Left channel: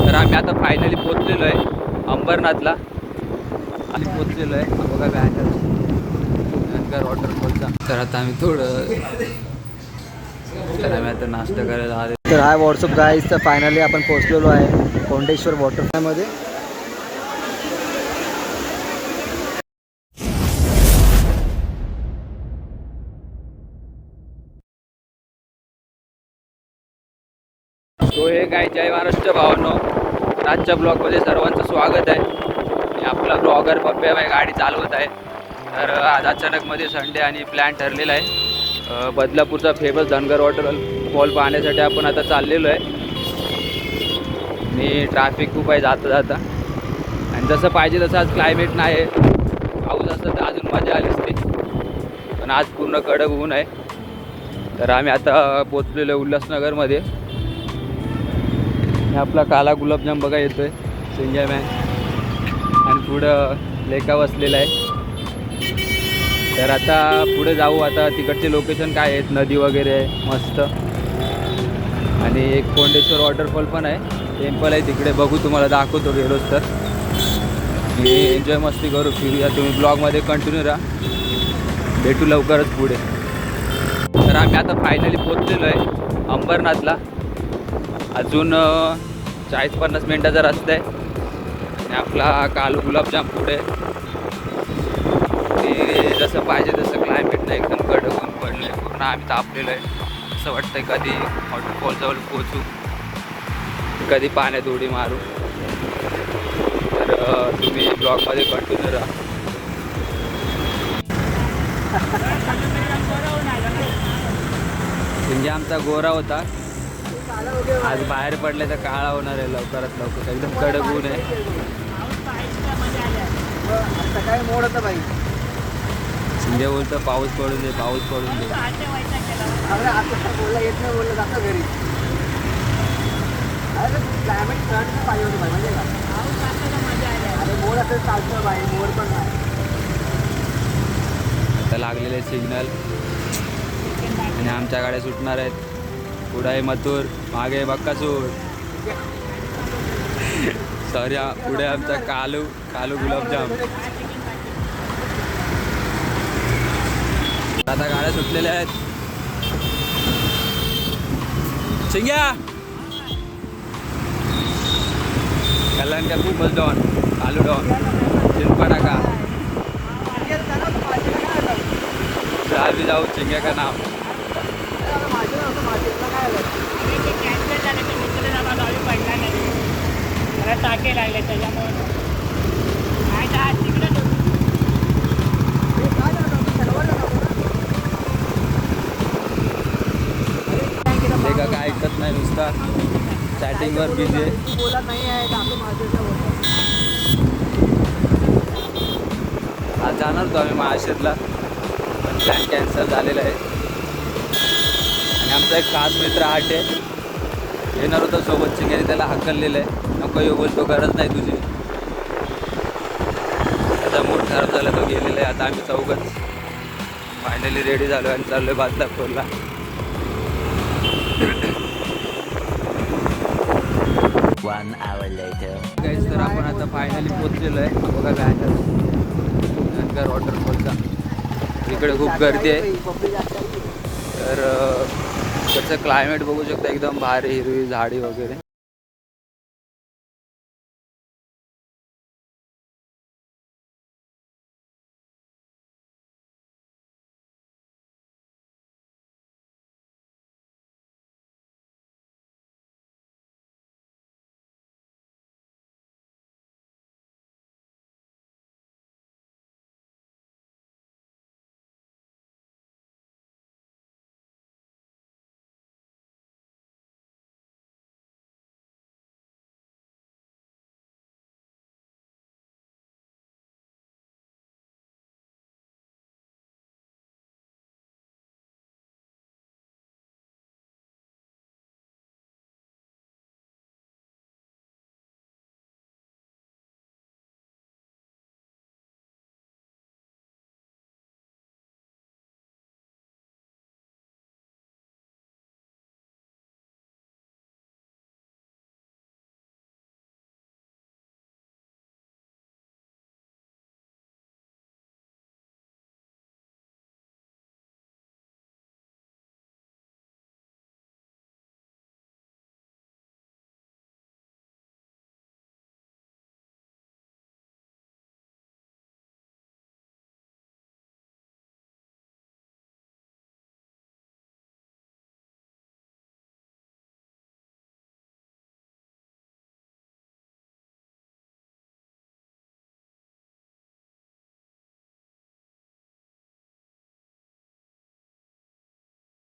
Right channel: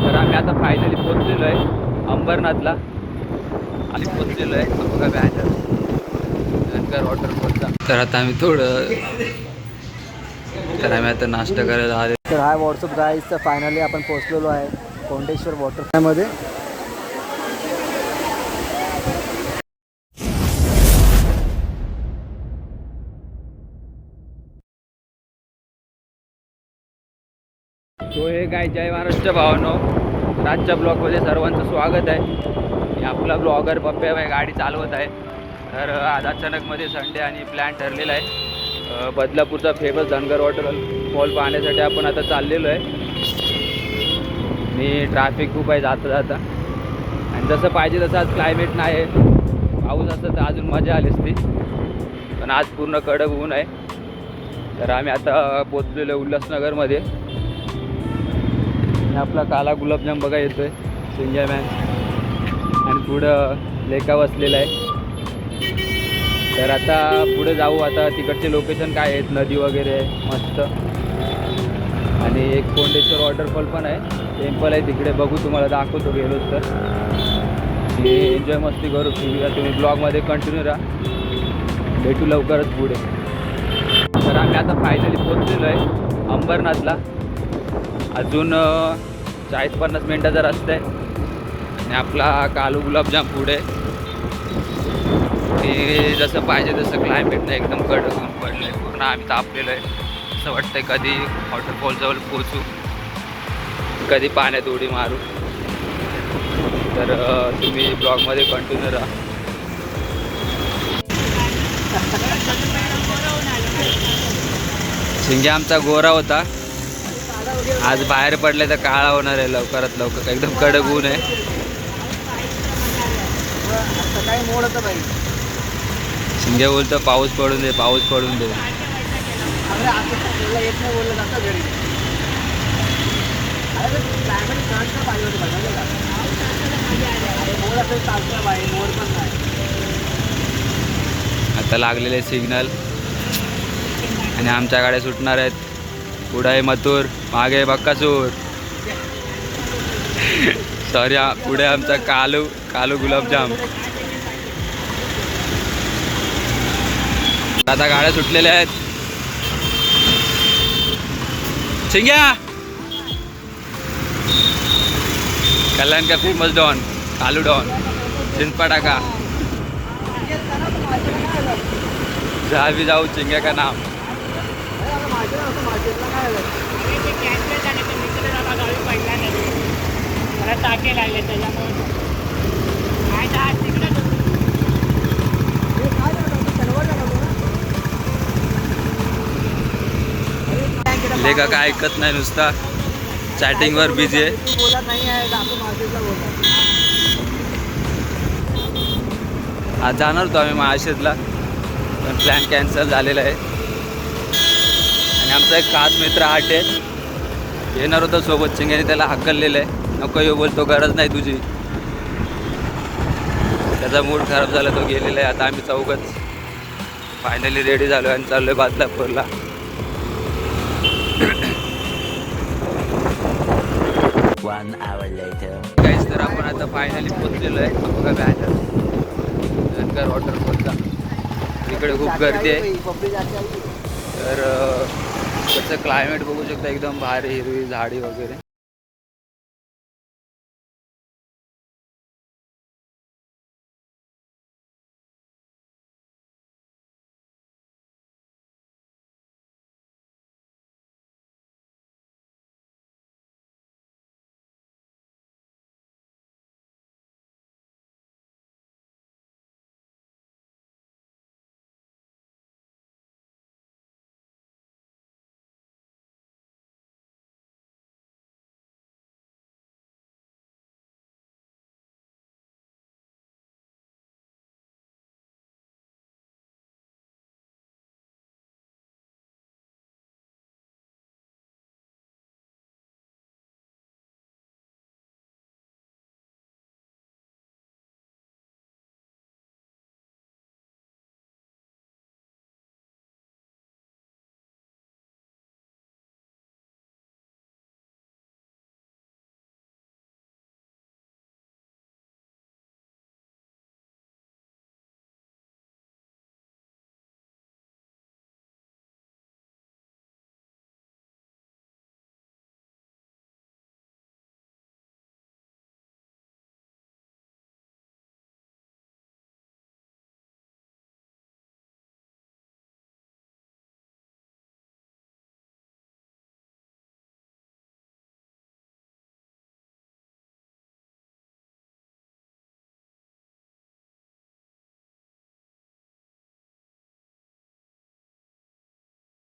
तर आम्ही आता फायनली पोहोचलेलो आहे अंबरनाथला आणि पोहोचलेलो आहे. हा बघा बॅनर धनगर वॉटरफॉलचा. तर आता आम्ही आता नाश्ता करायला आले. तर हा व्हॉट्सअप गाईज, तर फायनली आपण पोहोचलेलो आहे कोंडेश्वर वॉटरफॉलमध्ये. तो हे काय जय महाराष्ट्र भावांनो, आजच्या ब्लॉगमध्ये सर्वांचं स्वागत आहे. आणि आपला ब्लॉगर पप्प्या बाई गाडी चालवत आहे. तर आज अचानकमध्ये संडे आणि प्लॅन ठरलेला आहे. बदलापूरचा फेमस धनगर वॉटरफॉल पाहण्यासाठी आपण आता चाललेलो आहे. आणि ट्रॅफिक खूप आहे जाता जाता. आणि जसं पाहिजे तसं आज क्लायमेट नाही आहे. पाऊस असतं तर अजून मजा आली असती, पण आज पूर्ण कडक ऊन आहे. तर आम्ही आता पोचलेलो आहे उल्हासनगरमध्ये. आपला काला गुलाबजाम बघा येतोय सिंग्या मॅन, आणि पुढं लेका बसलेला आहे. तर आता पुढे जाऊ. आता तिकडचे लोकेशन काय आहेत, नदी वगैरे आहे मस्त, आणि एक कोंडेश्वर वॉटरफॉल पण आहे, टेम्पल आहे तिकडे. बघू, तुम्हाला दाखवतो गेलोच तर. एन्जॉय मस्ती करू, फिरूया. तुम्ही ब्लॉगमध्ये कंटिन्यू राहा. भेटू लवकरच पुढे. तर आम्ही आता फायनली पोहोचलेलो आहे अंबरनाथला. अजून 40-50 मिनटाचा रस्ता आहे. आणि आपला कालू गुलाबजाम पुढे. की जसं पाहिजे तसं क्लायमेट नाही, एकदम कडक ऊन पडलं आहे. पूर्ण आम्ही तापलेलो आहे. असं वाटतंय कधी वॉटरफॉलजवळ पोचू, कधी पाण्यात उडी मारू. तर तुम्ही ब्लॉगमध्ये कंटिन्यू राहा. शिंगे आमचा गोरा होता, आज बाहेर पडले तर काळा होणार आहे लवकरात लवकर. एकदम कडक ऊन आहे. सकाळी मोड होतं बाई. शिंगे बोलतो पाऊस पडून दे, पाऊस पडून दे. बोलला येत नाही, बोललं जातं घरी. अरे क्लायमेट सहन पाहिजे होतं बघायला का. अरे मोड असेल चालतं बाई, मोड पण नाही. आता लागलेले सिग्नल, आणि आमच्या गाड्या सुटणार आहेत. पुढे आहे मथुर, मागे आहे बक्कासूर. सॉरी, पुढे आमचा कालू गुलाबजाम. आता गाड्या सुटलेल्या आहेत. शिंग्या कल्याण का फेमस डॉन, कालू डॉन, चिनपटाका. जहाँ भी जाऊ चिंग्या का नाम. लेका काय ऐकत नाही, नुसता चॅटिंगवर बिझी आहे. आज जाणार होतो आम्ही महाशेतला, पण प्लॅन कॅन्सल झालेला आहे. आणि आमचा एक खास मित्र आहे, येणार होता सोबत. चिंगेने त्याला हकललेलं आहे, नको येऊ बोलतो, गरज नाही तुझी. त्याचा मूड खराब झाला, तो गेलेला आहे. आता आम्ही चौघच फायनली रेडी झालो आणि चाललो आहे बदलापूरला. काहीच, तर आपण आता फायनली पोहोचलेलो आहे. बघा बॅनर धनगर वॉटरफॉलचा. इकडे खूप गर्दी आहे. तर त्याचं क्लायमेट बघू शकता, एकदम भारी, हिरवी झाडी वगैरे.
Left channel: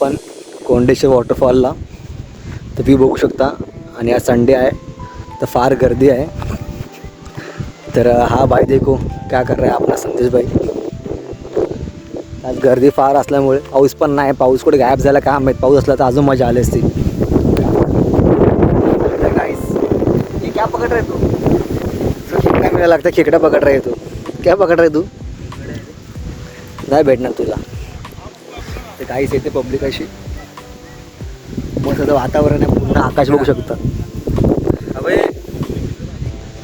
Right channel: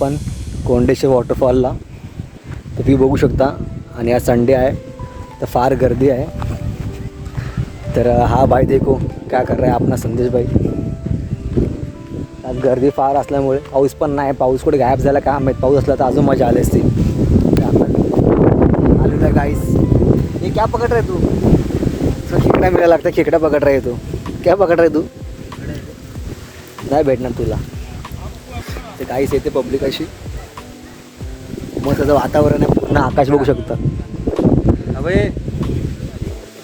पण कोंडेश्वर वॉटरफॉलला तर ती बघू शकता. आणि आज संडे आहे तर फार गर्दी आहे. तर हा भाई देखो क्या कर रहा है आपला संदेश भाई. आज गर्दी फार असल्यामुळे पाऊस पण नाही. पाऊस कुठे गायब झाला का माहीत. पाऊस असला तर अजून मजा आली असती. गाइस ये क्या पकड़ रहे तू. खेकडा मिळायला लागतं. खेकडा पकड रहा है तू. क्या पकड रहा है तू. नाही भेटणार तुला. ते काहीच येते पब्लिक अशी मस्त वातावरण आहे. पूर्ण आकाश बघू शकता.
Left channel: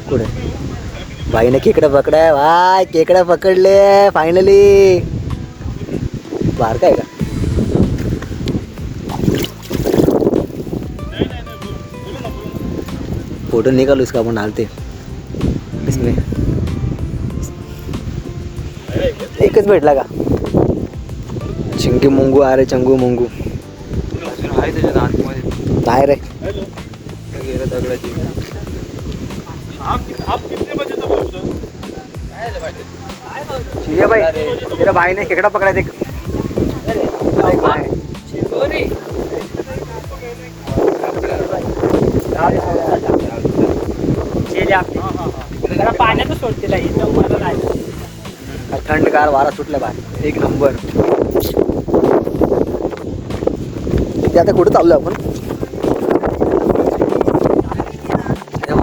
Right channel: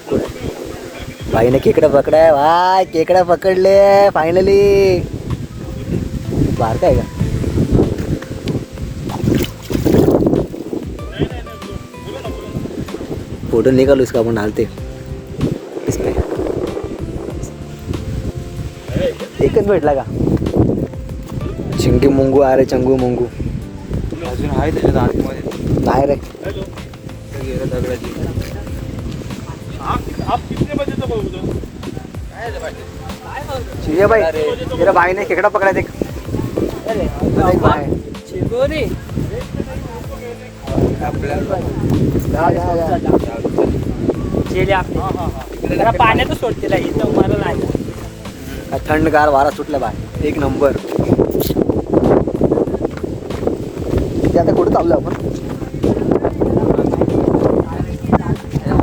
कुठे भाईने खेकडा पकडाय. भाई खेकडा पकडले फायनली. बारका आहे का. फोटो निकालो इसका आपण डालते इसमें. एकच भेटला का. चिंगडी मुंगू अरे चंगू मुंगू डायरेक्ट दगडाची. ठीक है भाई. तेरा भाई ने खेकड़ा पकड़ा. देख देख भाई. पाण्यातच सोडते थंडगार वारा सुटला भाई. एक नंबर. ते आता कुठं चाललो आपण.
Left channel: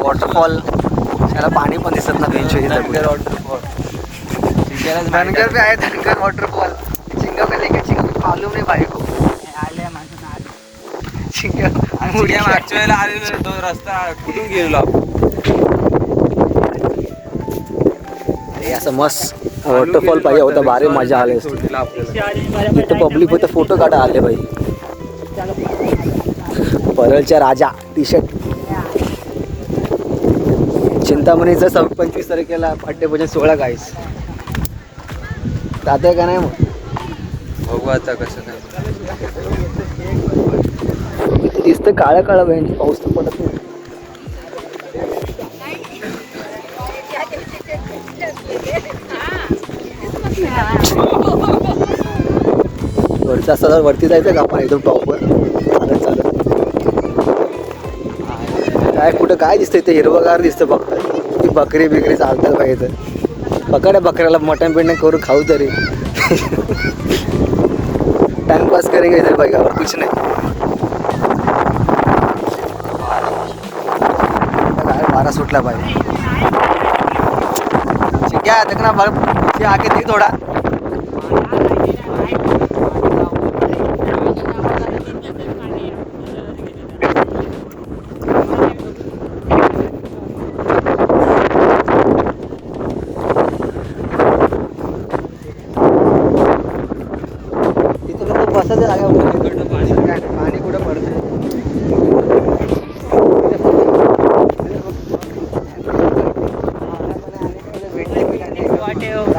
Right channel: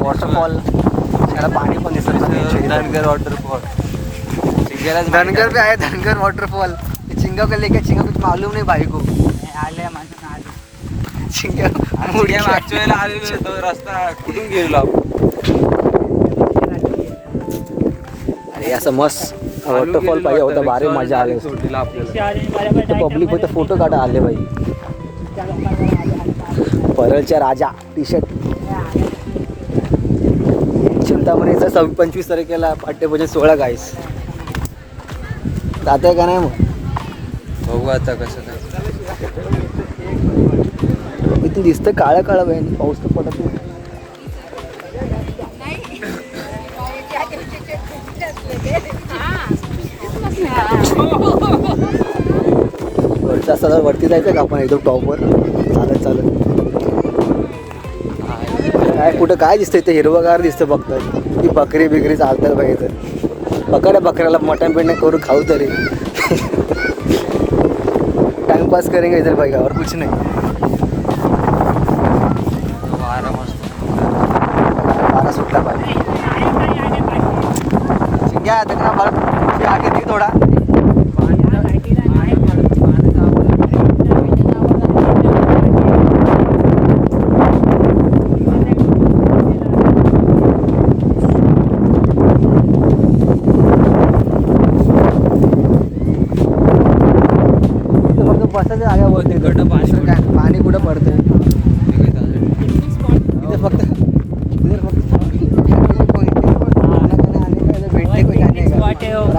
वॉटरफॉल त्याला पाणी पण दिसत नाही. धनगर वॉटरफॉल. धनगर पे आहे. धनगर वॉटरफॉल. चिंगा का लेके चिंगा मालूम नहीं भाई को. चिंगा मागच्या वेळेला आलेलो तो रस्ता कुठून गेलो. अरे असं मस्त वॉटरफॉल पाहिजे होता. भारी मजा आली असती. आपल्याला इथं पब्लिक होतं. फोटो काढा आले भाई. परळच्या राजा टी शर्ट. चिंतामणीचं 25 तारखेला पाठ्यभोजन 16 गाईस. जातोय का नाही मग बघू आता कसं काय. किती दिसतं काळं काळं बहीण. पाऊस तर पडत नाही. वरचा असं वरती जायचं का आपण एकदम टॉपवर चालत चालत. काय कुठं काय दिसतंय ते हिरवगार दिसतं. बघताय ती बकरी बिकरी चालतात बाई. तर पकड बकऱ्याला मटण बिटण करून खाऊ तरी. टाइमपास करेंगे इधर भाई और कुछ नहीं. वारा सुटला भाई. क्या देखना बर्फ से आगे देख थोड़ा. बसायचं जागा वरती. काय पाणी कुठं पडतं.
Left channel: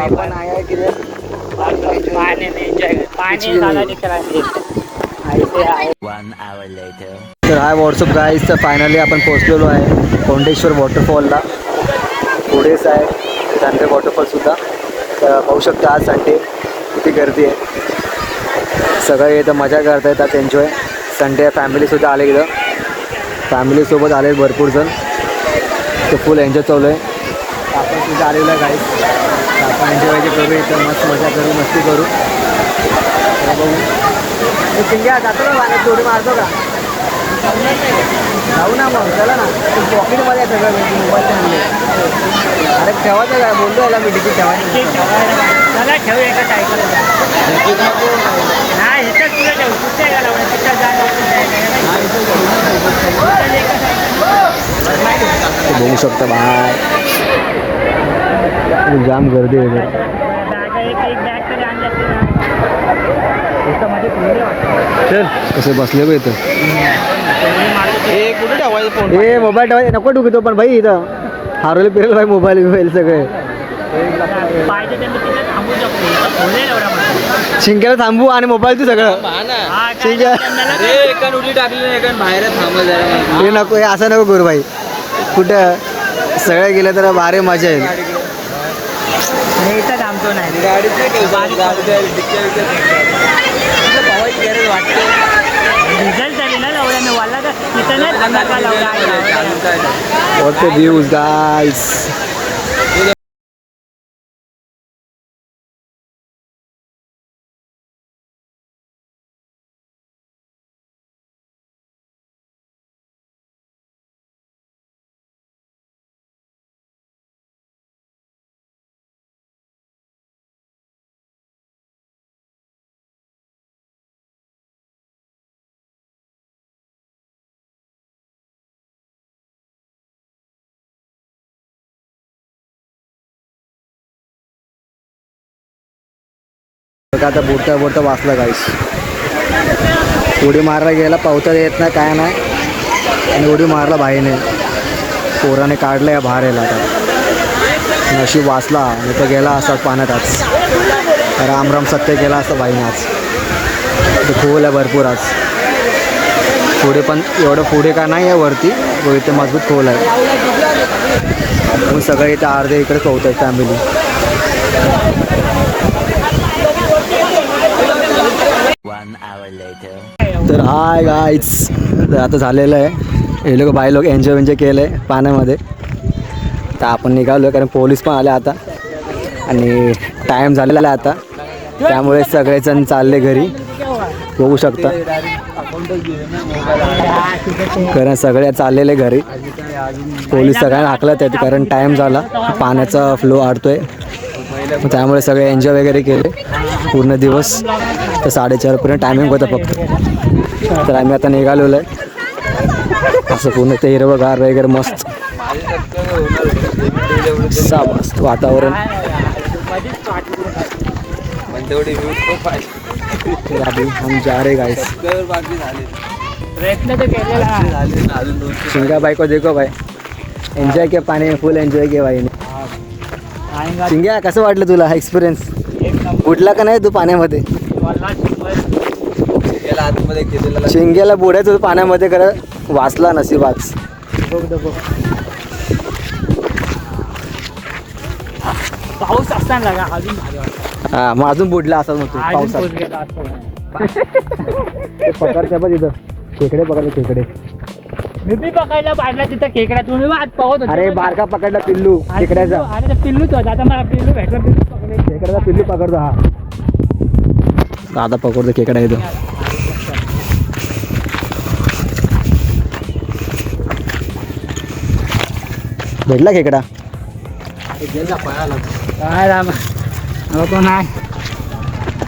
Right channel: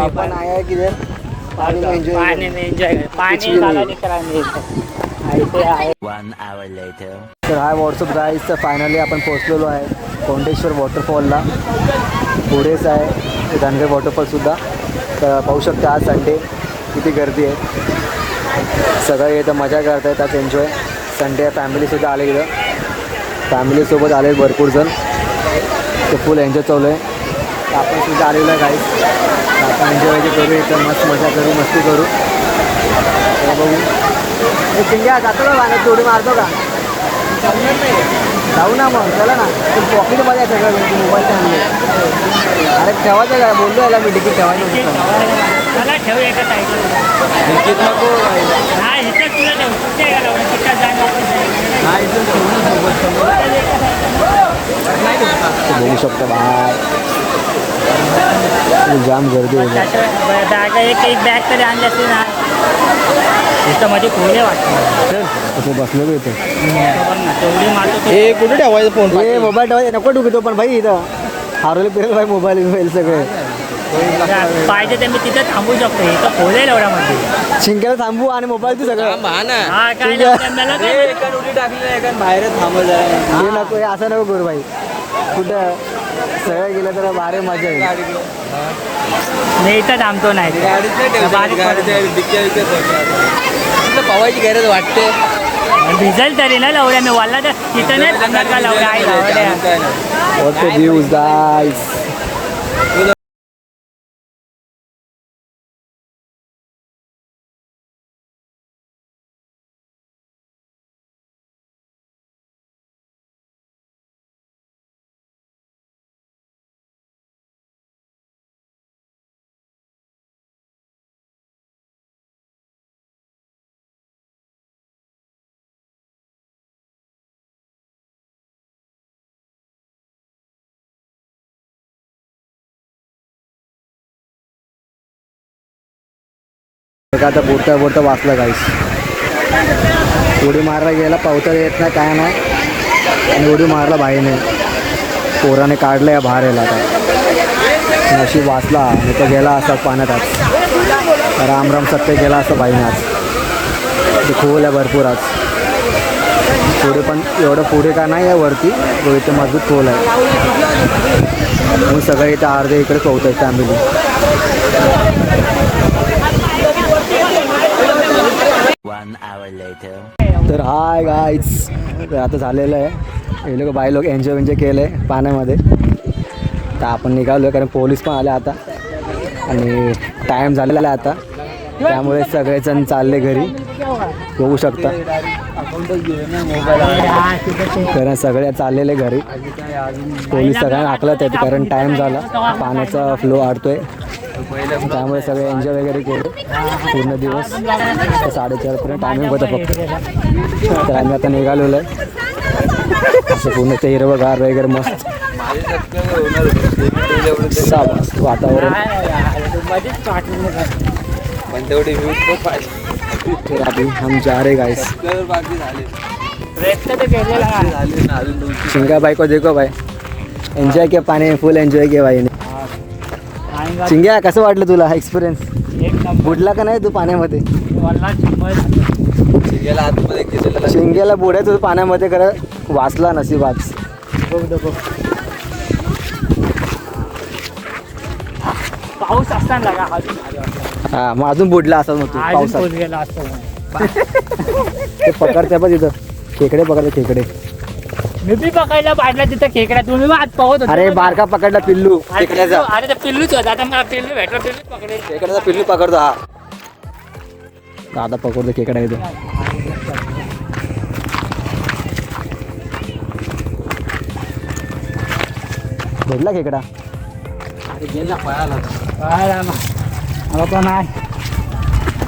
आपण आहे की तर हाय व्हॉट्सअप गाईज. तर फायनली आपण पोहोचलेलो आहे कोंडेश्वर वॉटरफॉलला. पुढेच आहे ते धनगर वॉटरफॉलसुद्धा. तर पाहू शकता आज संडे किती गर्दी आहे. सगळे इथं मजा करत आहेत. आज एन्जॉय. संडे फॅमिलीसुद्धा आले इथं. फॅमिलीसोबत आले भरपूर जण. ते फुल एन्जॉय चालू आहे. आपण सुद्धा आलेलो आहे गाईज. तर आपण एन्जॉय करू इथं. मस्त मजा करू मस्ती करू. तर बघू. चिंग्या जातो ना गाण्यात जोडी मारतो का. जाऊ ना मग. चला ना. पॉकेटमध्ये सगळं मोबाईल आणले. अरे ठेवायचं काय बोललो याला मी तिकीट ठेवायचं. चला ठेवू एका साईडला. नाही इथं तुला ठेवू. कुठे गेला तिथं बघू शकता बाय. जाम गर्दी आहे. एक बॅग तरी आणले असते ना. इथं मध्ये खुले वाटतं. कसं बसले बघ इथं. हे कुठे ठेवायचं फोन. हे मोबाईल ठेवायचं नको ठेवतो पण भाई इथं हारवले फिरलं भाई. मोबाईल बिबाईल सगळे पाहिजे ते मी तिथं थांबू शकतो. इथं खुले एवढ्या शिंक्याला थांबू आणि मोबाईल तू सगळं. शिंक्या उडी टाकली नाही कारण बाहेर थांबत जरा. हे नको. हे असं नको करू भाई. कुठं सगळे गेले तर भारी मजा येईल. इथं थांबतो नाही. गाडीचे भिजायची गरज वाटते. डिझेल तरी ना लवड्या मी वाला तर तिथं नाही थांबणार का लवडा आहे What the views guys. बघा आता बुडता बुडता वाचला गाईस. उडी मारायला गेला पावता येत नाही काय नाही आणि उडी मारला भाईने. पोराने काढलं या बाहेर यायला आता. नशीब वाचला नाही तर गेला असा पाण्यात आज. राम सत्य केला असं भाईने आज. ते खोल आहे भरपूर आज. पुढे पण एवढं पुढे का नाही आहे वरती, इथे मजबूत खोल आहे. मग सगळे इथं अर्धे इकडे पोहत आहेत फॅमिली. तर हाय गाईज, तर आता झालेलं आहे. हे लोक बाई लोक एन्जॉय केलं आहे पाण्यामध्ये. तर आपण निघालो आहे कारण पोलीस पण आले आता आणि टाईम झालेला आहे आता. त्यामुळे सगळेजण चालले घरी. बघू शकता कारण सगळे चाललेले घरी. पोलीस सगळ्यांना हाकलत आहेत कारण टाईम झाला, पाण्याचा फ्लो वाढतोय. त्यामुळे सगळे एन्जॉय वगैरे केले पूर्ण दिवस. तर 4:30पर्यंत टायमिंग होतं फक्त. तर आम्ही आता निघालेलो आहे. असं पूर्ण ते हिरवंगार वगैरे मस्त मस्त वातावरण. तर अभी हम जा रहे गाइस. चिंगा भाई को देखो भाई, एन्जॉय किया पाणी में, फुल एन्जॉय किया भाईने. चिंग्या कसं वाटलं तुला हा एक्सपिरियन्स? बुडला का नाही तू पाण्यामध्ये? चिंग्याला बुडायचं होतं पाण्यामध्ये, खरं वाचला नशिबाच. पाऊस असताना हा मग अजून बुडला असा मग तू पावसात. ते पकडते बघ तिथं खेकडे, पकडते खेकडे. मी बी पकडला पाहिजे तिथं खेकड्यात. तुम्ही आज पाहत होता. अरे बारका पकडला पिल्लू खेकड्याचा. अरे ते पिल्लूच होता. आता मला पिल्लू भेटलं, पिल्लू पकडे. खेकड्याचा पिल्लू पकडतो हा. दादा पकडतो खेकडा इथं. भेटला खेकडा? काय रामा नको नाही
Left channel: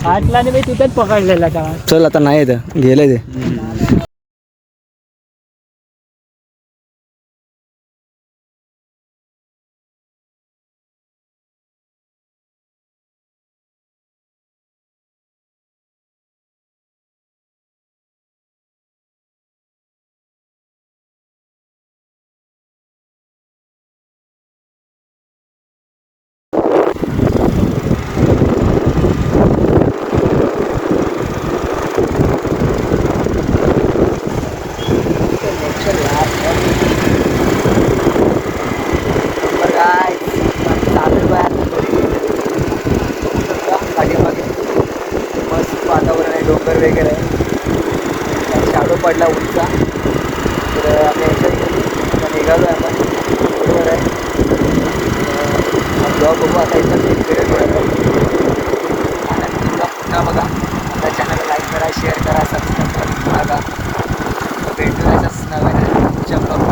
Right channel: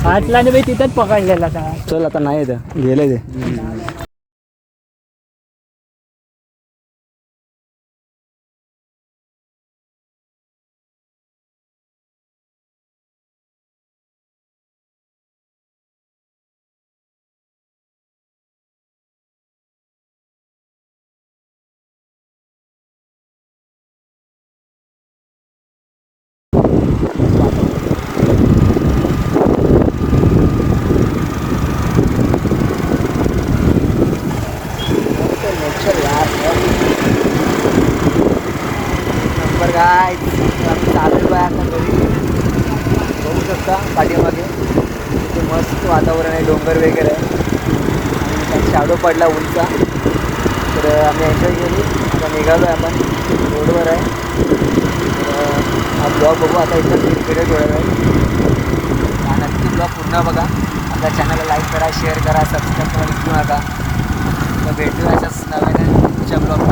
वाटला नाही तिथंच पकडलेला का. चल आता नाही येतं, गेले ते. काय चालू आहे आता घरी. बघू शकता पाठीमागे मस्त वातावरण आहे, डोंगर वगैरे आहे. शाडो पडला उंचा. तर आम्ही एन्जॉय केली. आता निघालो आहे आपण, बरोबर आहे. हा ब्लॉग बघू आता इथं पिरियड होणार आहे. आणि ब्लॉग पुन्हा बघा. आपल्या चॅनलला लाईक करा, शेअर करा, सबस्क्राईब करा विसरू नका. भेटूयाच नव्या ब्लॉग.